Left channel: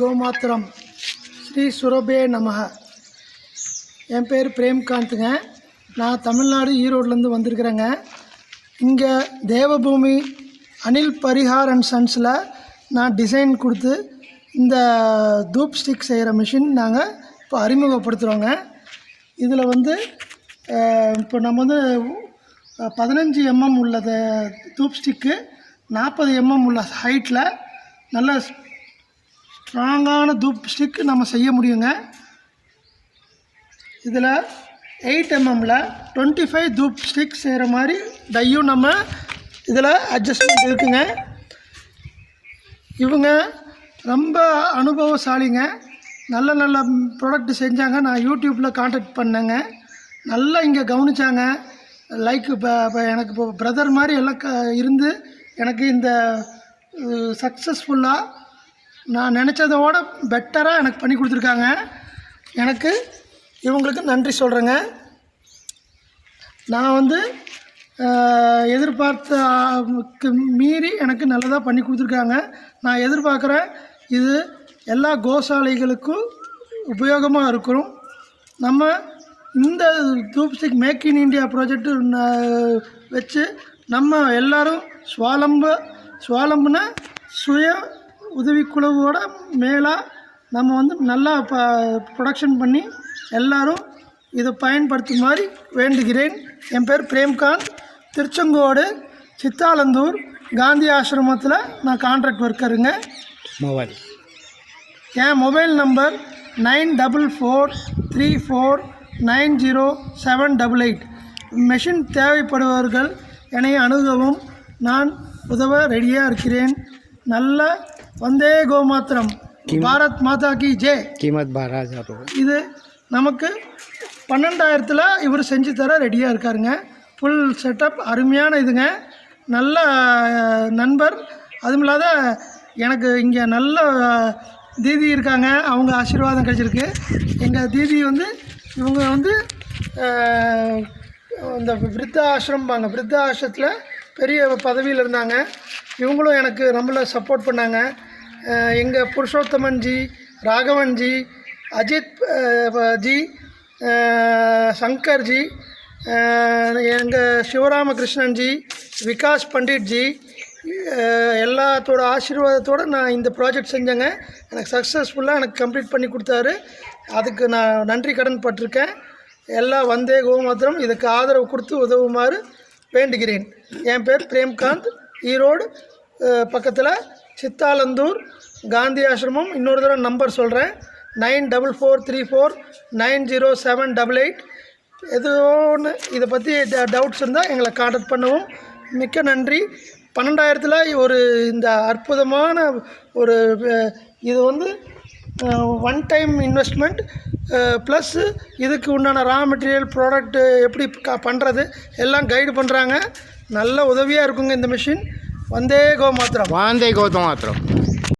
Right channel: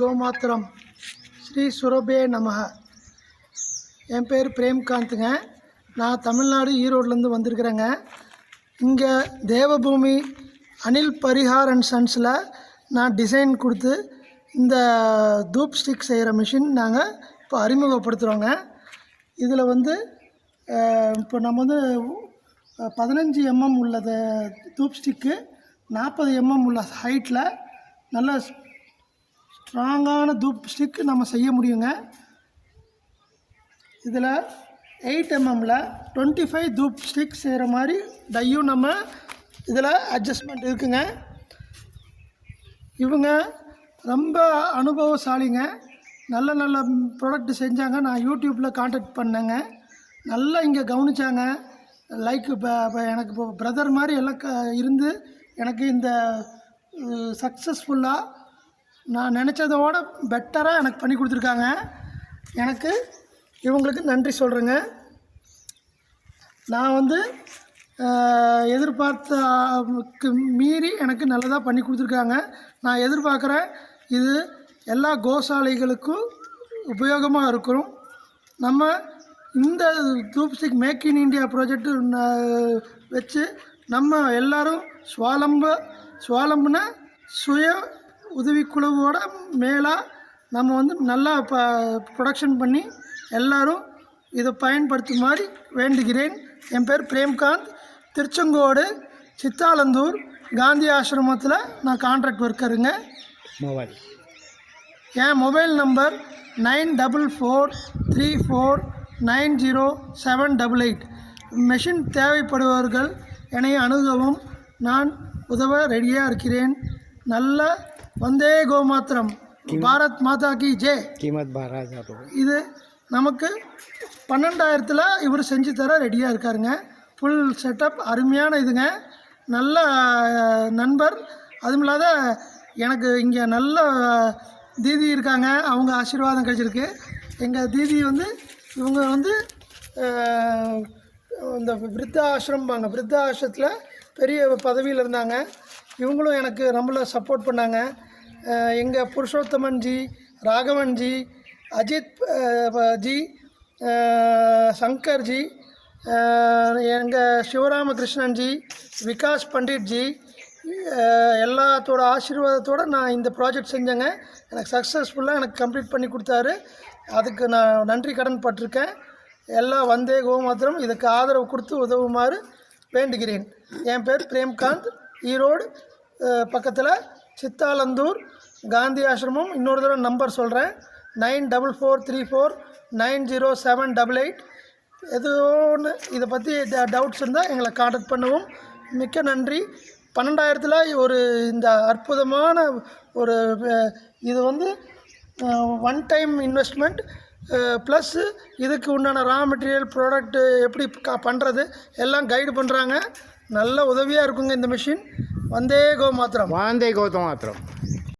கோமாத்திரம் ஸ்ரீ சுரபே நமஹ. என் பேர் பிரேம்காந்துங்க. நான் தமிழ்நாடு ஈரோட்லேருந்து வந்திருக்கிறேங்க. இங்கே தேவபூமி அனில் பரிஹார் அண்ட் சன்ஸில் நான் டிசைன் கொடுத்து இந்த தூப் ஸ்டிக் செய்கிற மிஷின் நாங்கள் இப்போ அறிமுகப்படுத்துகிறோங்க. இதில் வந்து இப்போ நம்ம வந்து 15 mm உள்ளது தூப் ஸ்டிக்கு, 40 mm உள்ள ஹைட்டில் நல்ல ஸ்ட்ராங்கான தூப் ஸ்டிக் நம்ம செய்ய முடியுங்க. இதில் 8 mm 25 தூப் ஸ்டிக் செய்கிற மாதிரி டையும் நம்ம இதில் அட்ஜஸ்ட்மெண்ட் இருக்குங்க. இவங்க ரொம்ப அனுபவசாலிங்க. நல்ல நல்ல ப்ராடக்ட் செஞ்சாங்க. நான் யூடியூப்பில் கான்டாக்ட் பண்ணேங்க. நல்லா இங்கே கவனித்தாங்க. லைக் இப்போ எனக்கு இப்போ பிரதர் மாதிரி எல்லாம் இருந்து எனக்கு இந்த சக்ஸஸ்ஃபுல்லாக நான் நினச்சதோட பெட்டராக எனக்கு பண்ணி கொடுத்துருக்காங்க. எனக்கு இவங்களுக்கு நன்றி சொல்கிறேங்க. நான் வந்து எதிர்பார்த்த மீறி எனக்கு நல்லதாக பண்ணி கொடுத்துருக்காங்க. நான் எதிர்பார்க்குறேன் இது எல்லா கோசாலைகளுக்கும் உபயோகமாக இருக்கும். நம்ம இந்த dhoop stick make in India project வச்சு நம்ம எல்லோரும் சுவாலம்புனா சுய உதவிக்குழுவோட மேலாக நம்ம வந்து நல்லா ப்ரொடக்ஷன் பண்ணி எல்லோரும் இதை பயன்படுத்துமாறு வேண்டுகிறேன். என் பேர் பிரேம்காந்த். திருச்செங்கோடு சித்தாலந்தூர் காந்தி ஆசிரமத்தில் நான் கான்ட்ராக்ட் ஒர்க்கருங்க. என் மொபைல் நம்பர் 9434390788. மெஷின் தேவைப்படுபவர்கள் என்னை அணுகவும் நான் உதவ ரெடியாக இருக்கிறேன். நல்ல வந்தே கோமாத்திரம், பாரத் மாதா கி ஜெய். இது நமக்கு 12,000 இவர் செஞ்சு தர ரெடியாக இருக்காருங்க. ஃபுல் செட்டப் அருமையான இதுங்க. நல்ல நண்பர். அதுவும் இல்லாத எனக்கு இங்கே நல்ல தீதி இருக்காங்க. அவங்க ஆசீர்வாதம் கிடைச்சிருக்கு. எங்கள் தீதி வந்து இவங்க வந்து இந்த விருத்த ஆசிரமத்தில் பெரிய பதவியில் இருந்தாங்க. இவங்களும் எனக்கு நம்மள சப்போர்ட் பண்ணாங்க. எங்கள் புருஷோத்தமன்ஜி, ராகவன்ஜி, அஜித் ஜி, சங்கர்ஜி, எங்கள் சிவராமகிருஷ்ணன்ஜி, விகாஸ் பண்டிட்ஜி எல்லாத்தோட ஆசீர்வாதத்தோடு நான் இந்த ப்ராஜெக்ட் செஞ்சேங்க. எனக்கு சக்ஸஸ்ஃபுல்லாக எனக்கு கம்ப்ளீட் பண்ணி கொடுத்தாரு. அதுக்கு நான் நன்றி கடன் பட்டிருக்கேன். எல்லாம் வந்தே கோமாத்திரம் இதுக்கு ஆதரவு கொடுத்து உதவுமாறு வேண்டுகிறேன். என் பேர் பிரேம்காந்த். ஈரோடு பக்கத்தில் சித்தாலந்தூர் காந்தி ஆசிரமம். இன்னொரு தடவை நம்பர் சொல்கிறேன், 9434390788. எது ஒன்று இதை பற்றி டவுட்ஸ் இருந்தால் எங்களை கான்டாக்ட் பண்ணவும். மிக்க நன்றி. 12,000 ஒரு இந்த அற்புதமான ஒரு இது வந்து ஒன் டைம் இன்வெஸ்ட்மெண்ட் ப்ளஸ் இதுக்கு உண்டான ரா மெட்டீரியல் ப்ராடக்ட்டு எப்படி பண்ணுறது எல்லாம் கைடு பண்ணுறாங்க. நல்ல உதவியாக இருக்குங்க இந்த மிஷின். வந்தே கோமாத்திரம்.